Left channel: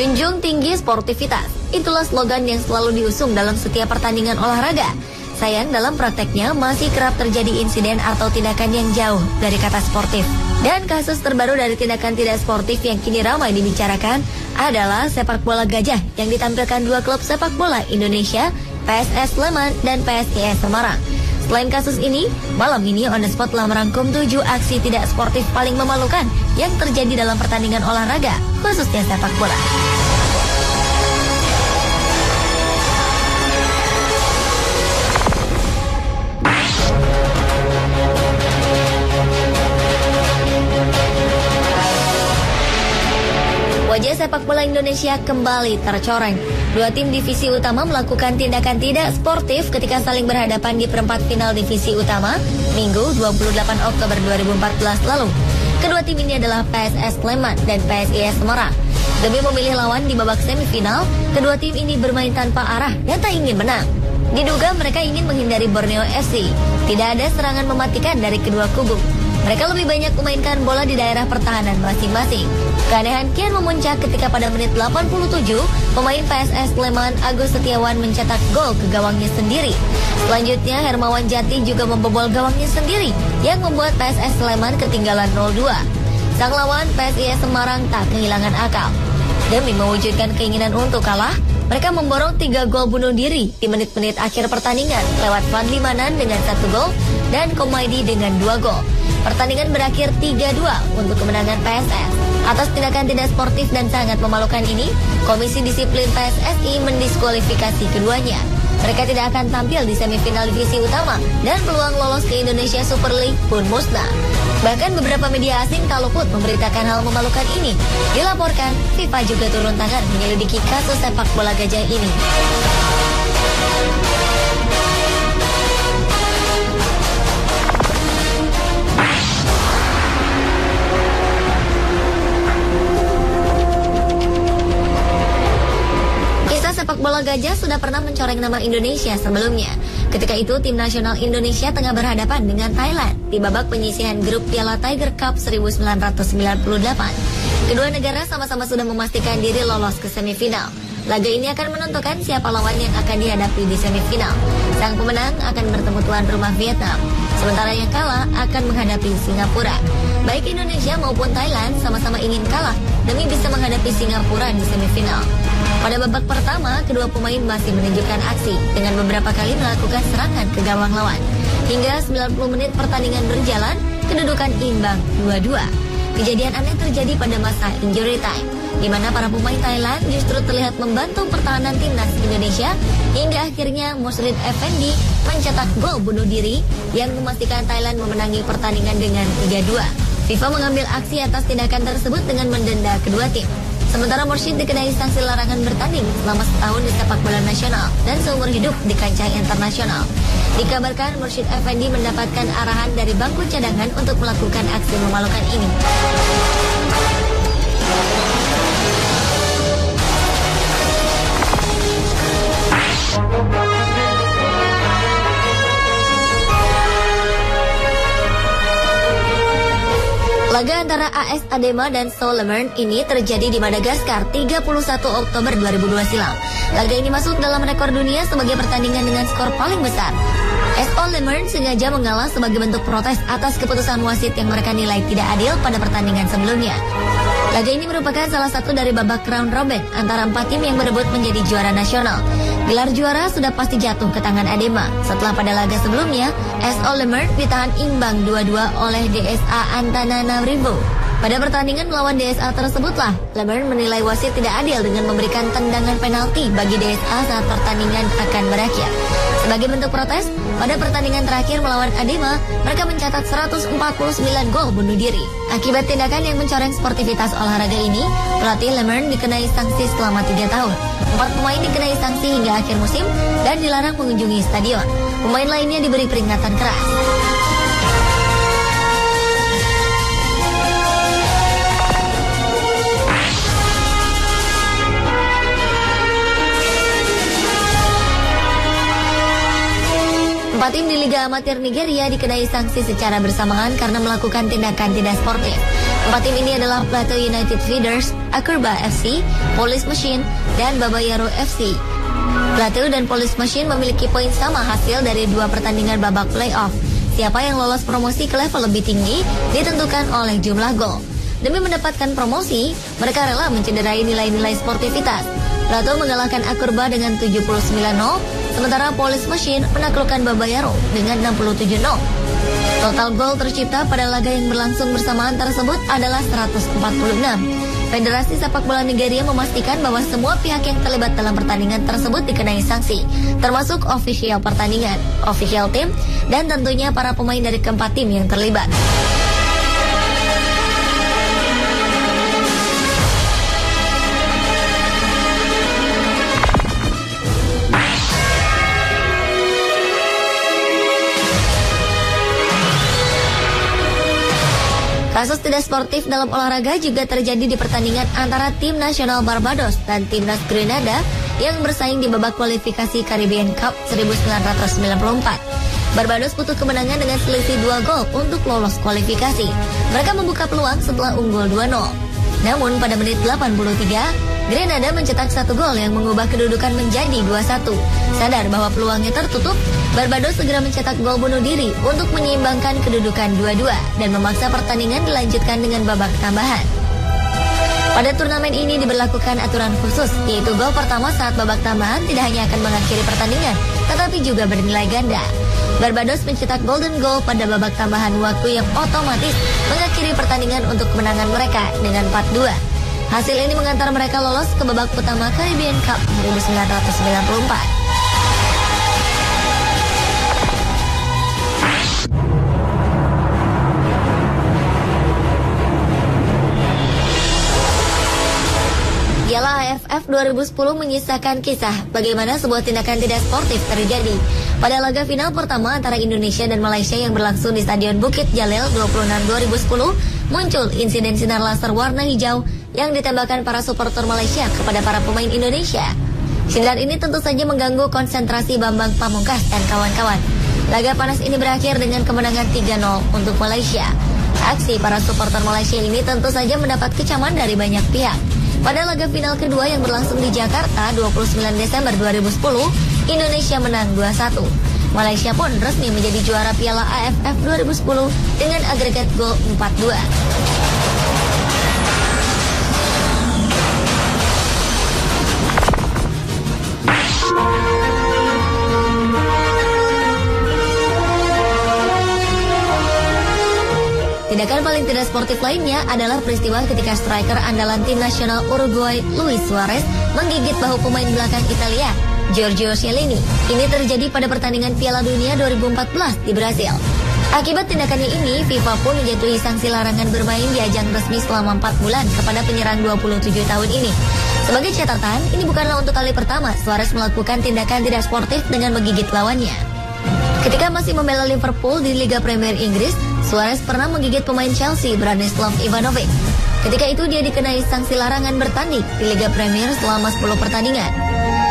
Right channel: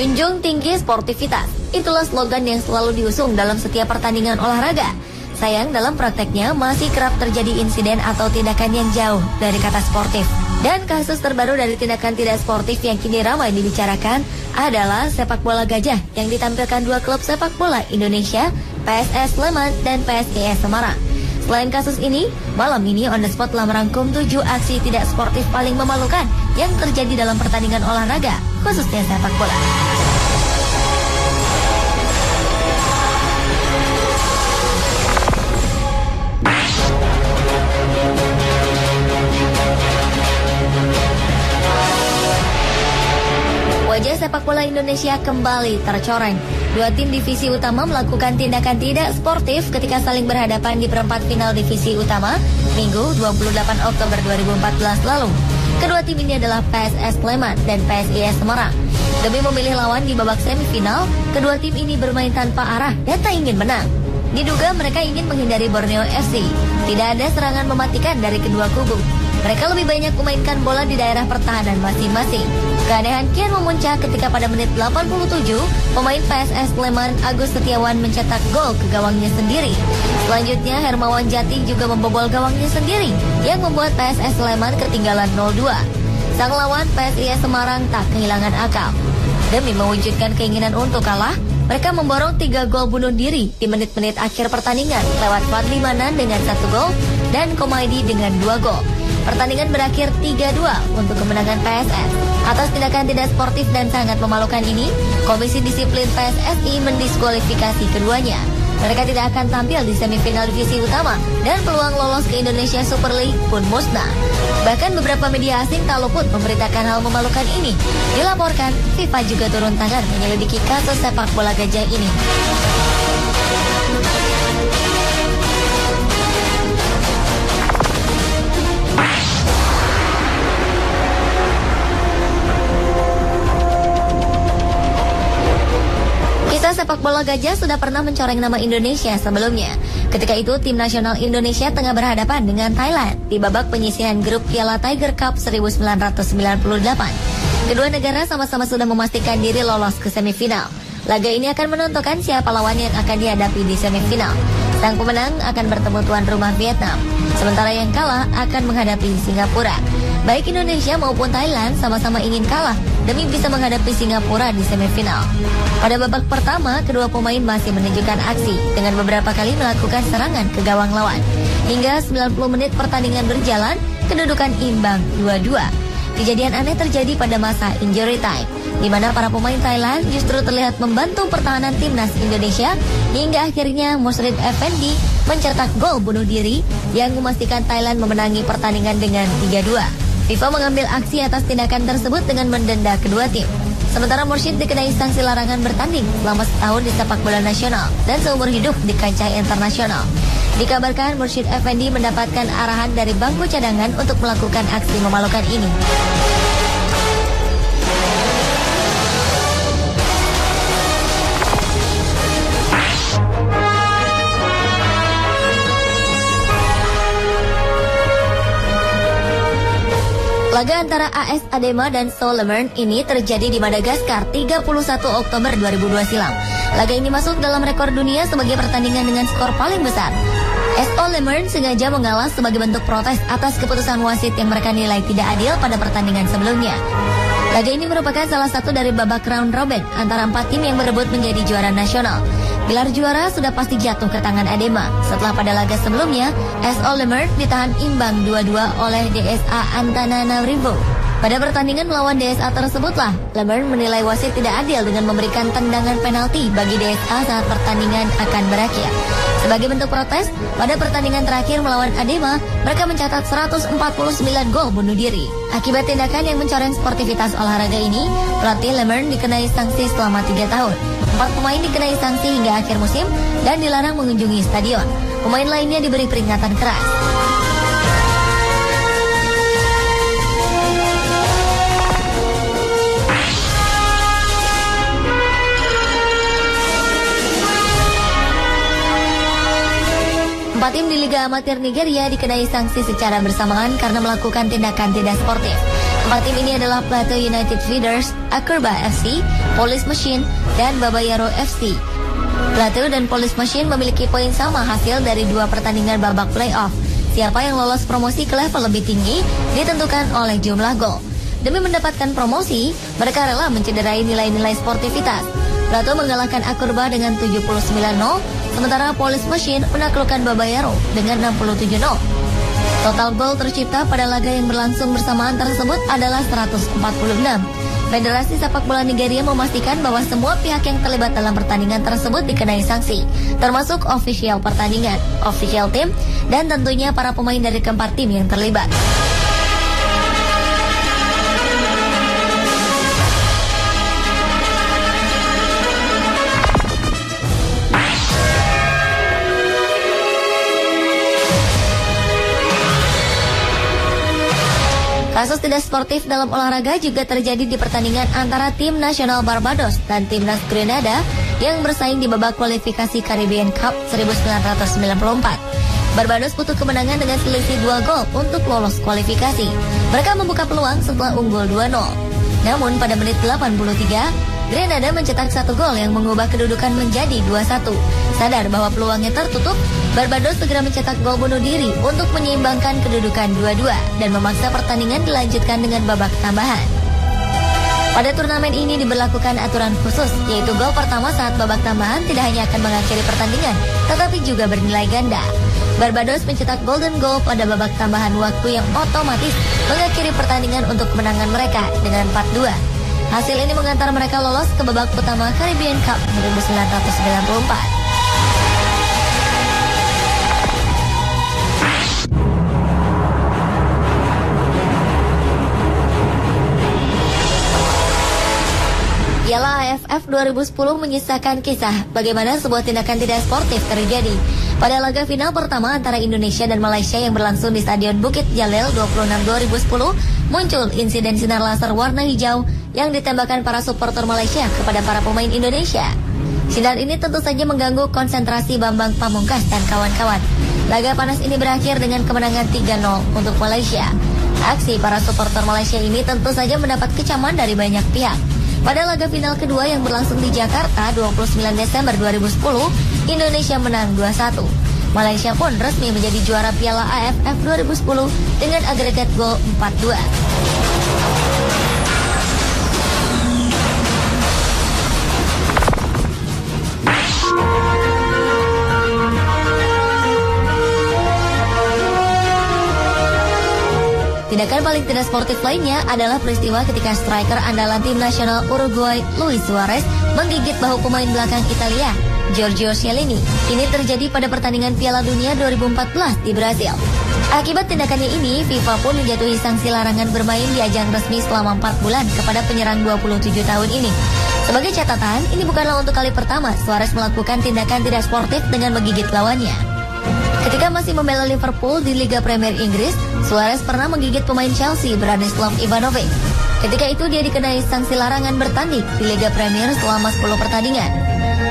Junjung tinggi sportivitas, itulah slogan yang selalu diusung dalam setiap pertandingan olahraga. Sayang, dalam prakteknya masih kerap terjadi insiden atau tindakan yang jauh dari kata sportif. Dan kasus terbaru dari tindakan tidak sportif yang kini ramai dibicarakan adalah sepak bola gajah yang ditampilkan dua klub sepak bola Indonesia, PSS Sleman dan PSIS Semarang. Selain kasus ini, malam ini On The Spot telah merangkum 7 aksi tidak sportif paling memalukan yang terjadi dalam pertandingan olahraga, khususnya sepak bola. Wajah sepak bola Indonesia kembali tercoreng. Dua tim divisi utama melakukan tindakan tidak sportif ketika saling berhadapan di perempat final divisi utama Minggu 28 Oktober 2014 lalu. Kedua tim ini adalah PSS Sleman dan PSIS Semarang. Demi memilih lawan di babak semifinal, kedua tim ini bermain tanpa arah dan tak ingin menang. Diduga mereka ingin menghindari Borneo FC. Tidak ada serangan mematikan dari kedua kubu. Mereka lebih banyak memainkan bola di daerah pertahanan masing-masing. Keanehan kian memuncak ketika pada menit 87, pemain PSS Sleman Agus Setiawan mencetak gol ke gawangnya sendiri. Selanjutnya Hermawan Jati juga membobol gawangnya sendiri yang membuat PSS Sleman ketinggalan 0-2. Sang lawan PSIS Semarang tak kehilangan akal. Demi mewujudkan keinginan untuk kalah, mereka memborong 3 gol bunuh diri di menit-menit akhir pertandingan lewat Fadli Manan dengan 1 gol dan Komaidi dengan 2 gol. Pertandingan berakhir 3-2 untuk kemenangan PSS. Atas tindakan tidak sportif dan sangat memalukan ini, Komisi Disiplin PSSI mendiskualifikasi keduanya. Mereka tidak akan tampil di semifinal divisi utama dan peluang lolos ke Indonesia Super League pun musnah. Bahkan beberapa media asing tak luput memberitakan hal memalukan ini. Dilaporkan, FIFA juga turun tangan menyelidiki kasus sepak bola gajah ini. Sepak bola gajah sudah pernah mencoreng nama Indonesia sebelumnya. Ketika itu, tim nasional Indonesia tengah berhadapan dengan Thailand di babak penyisihan grup Piala Tiger Cup 1998. Kedua negara sama-sama sudah memastikan diri lolos ke semifinal. Laga ini akan menentukan siapa lawan yang akan dihadapi di semifinal. Sang pemenang akan bertemu tuan rumah Vietnam, sementara yang kalah akan menghadapi Singapura. Baik Indonesia maupun Thailand sama-sama ingin kalah demi bisa menghadapi Singapura di semifinal. Pada babak pertama, kedua pemain masih menunjukkan aksi dengan beberapa kali melakukan serangan ke gawang lawan. Hingga 90 menit pertandingan berjalan, kedudukan imbang 2-2. Kejadian aneh terjadi pada masa injury time, di mana para pemain Thailand justru terlihat membantu pertahanan timnas Indonesia hingga akhirnya Musrid Effendi mencetak gol bunuh diri yang memastikan Thailand memenangi pertandingan dengan 3-2. FIFA mengambil aksi atas tindakan tersebut dengan mendenda kedua tim. Sementara Mursyid dikenai sanksi larangan bertanding selama setahun di sepak bola nasional dan seumur hidup di kancah internasional. Dikabarkan Mursyid Effendi mendapatkan arahan dari bangku cadangan untuk melakukan aksi memalukan ini. Laga antara AS Adema dan Solomon ini terjadi di Madagaskar 31 Oktober 2002 silam. Laga ini masuk dalam rekor dunia sebagai pertandingan dengan skor paling besar. SO Lemern sengaja mengalah sebagai bentuk protes atas keputusan wasit yang mereka nilai tidak adil pada pertandingan sebelumnya. Laga ini merupakan salah satu dari babak round robin antara 4 tim yang berebut menjadi juara nasional. Gelar juara sudah pasti jatuh ke tangan Adema setelah pada laga sebelumnya SO Lemern ditahan imbang 2-2 oleh DSA Antananarivo. Pada pertandingan melawan DSA tersebutlah, Lemern menilai wasit tidak adil dengan memberikan tendangan penalti bagi DSA saat pertandingan akan berakhir. Sebagai bentuk protes, pada pertandingan terakhir melawan Adema, mereka mencatat 149 gol bunuh diri. Akibat tindakan yang mencoreng sportivitas olahraga ini, pelatih Lemern dikenai sanksi selama 3 tahun. 4 pemain dikenai sanksi hingga akhir musim dan dilarang mengunjungi stadion. Pemain lainnya diberi peringatan keras. 4 tim di Liga Amatir Nigeria dikenai sanksi secara bersamaan karena melakukan tindakan tidak sportif. 4 tim ini adalah Plateau United Feeders, Akurba FC, Police Machine, dan Babayaro FC. Plateau dan Police Machine memiliki poin sama hasil dari 2 pertandingan babak playoff. Siapa yang lolos promosi ke level lebih tinggi ditentukan oleh jumlah gol. Demi mendapatkan promosi, mereka rela mencederai nilai-nilai sportivitas. Plateau mengalahkan Akurba dengan 79-0, sementara Police Machine menaklukkan Babayaro dengan 67-0. Total gol tercipta pada laga yang berlangsung bersamaan tersebut adalah 146. Federasi Sepak Bola Nigeria memastikan bahwa semua pihak yang terlibat dalam pertandingan tersebut dikenai sanksi, termasuk ofisial pertandingan, official tim, dan tentunya para pemain dari keempat tim yang terlibat. Kasus tidak sportif dalam olahraga juga terjadi di pertandingan antara tim nasional Barbados dan timnas Grenada yang bersaing di babak kualifikasi Caribbean Cup 1994. Barbados butuh kemenangan dengan selisih 2 gol untuk lolos kualifikasi. Mereka membuka peluang setelah unggul 2-0. Namun pada menit 83, Grenada mencetak 1 gol yang mengubah kedudukan menjadi 2-1. Sadar bahwa peluangnya tertutup, Barbados segera mencetak gol bunuh diri untuk menyeimbangkan kedudukan 2-2 dan memaksa pertandingan dilanjutkan dengan babak tambahan. Pada turnamen ini diberlakukan aturan khusus, yaitu gol pertama saat babak tambahan tidak hanya akan mengakhiri pertandingan, tetapi juga bernilai ganda. Barbados mencetak golden goal pada babak tambahan waktu yang otomatis mengakhiri pertandingan untuk kemenangan mereka dengan 4-2. Hasil ini mengantar mereka lolos ke babak pertama Caribbean Cup 1994. Piala AFF 2010 menyisakan kisah bagaimana sebuah tindakan tidak sportif terjadi. Pada laga final pertama antara Indonesia dan Malaysia yang berlangsung di Stadion Bukit Jalil 26 2010, muncul insiden sinar laser warna hijau yang ditembakkan para supporter Malaysia kepada para pemain Indonesia. Sinar ini tentu saja mengganggu konsentrasi Bambang Pamungkas dan kawan-kawan. Laga panas ini berakhir dengan kemenangan 3-0 untuk Malaysia. Aksi para supporter Malaysia ini tentu saja mendapat kecaman dari banyak pihak. Pada laga final kedua yang berlangsung di Jakarta 29 Desember 2010, Indonesia menang 2-1. Malaysia pun resmi menjadi juara Piala AFF 2010 dengan agregat gol 4-2. Tindakan paling tidak sportif lainnya adalah peristiwa ketika striker andalan tim nasional Uruguay Luis Suarez menggigit bahu pemain belakang Italia, Giorgio Chiellini. Ini terjadi pada pertandingan Piala Dunia 2014 di Brazil. Akibat tindakannya ini, FIFA pun menjatuhi sanksi larangan bermain di ajang resmi selama 4 bulan kepada penyerang 27 tahun ini. Sebagai catatan, ini bukanlah untuk kali pertama Suarez melakukan tindakan tidak sportif dengan menggigit lawannya. Ketika masih membela Liverpool di Liga Premier Inggris, Suarez pernah menggigit pemain Chelsea Branislav Ivanovic. Ketika itu dia dikenai sanksi larangan bertanding di Liga Premier selama 10 pertandingan.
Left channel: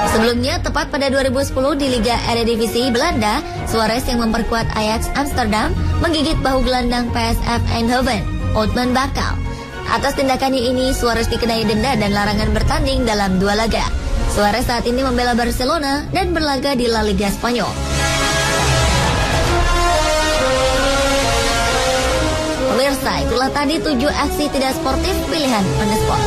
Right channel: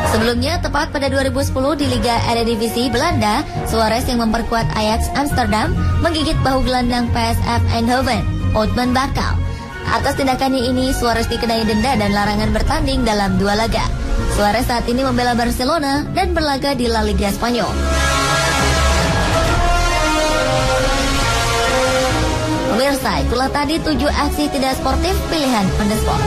Sebelumnya, tepat pada 2010 di Liga Eredivisie Belanda, Suarez yang memperkuat Ajax Amsterdam menggigit bahu gelandang PSV Eindhoven, Oudman Bakal. Atas tindakannya ini, Suarez dikenai denda dan larangan bertanding dalam 2 laga. Suarez saat ini membela Barcelona dan berlaga di La Liga Spanyol. Pemirsa, itulah tadi 7 aksi tidak sportif pilihan Pandesport.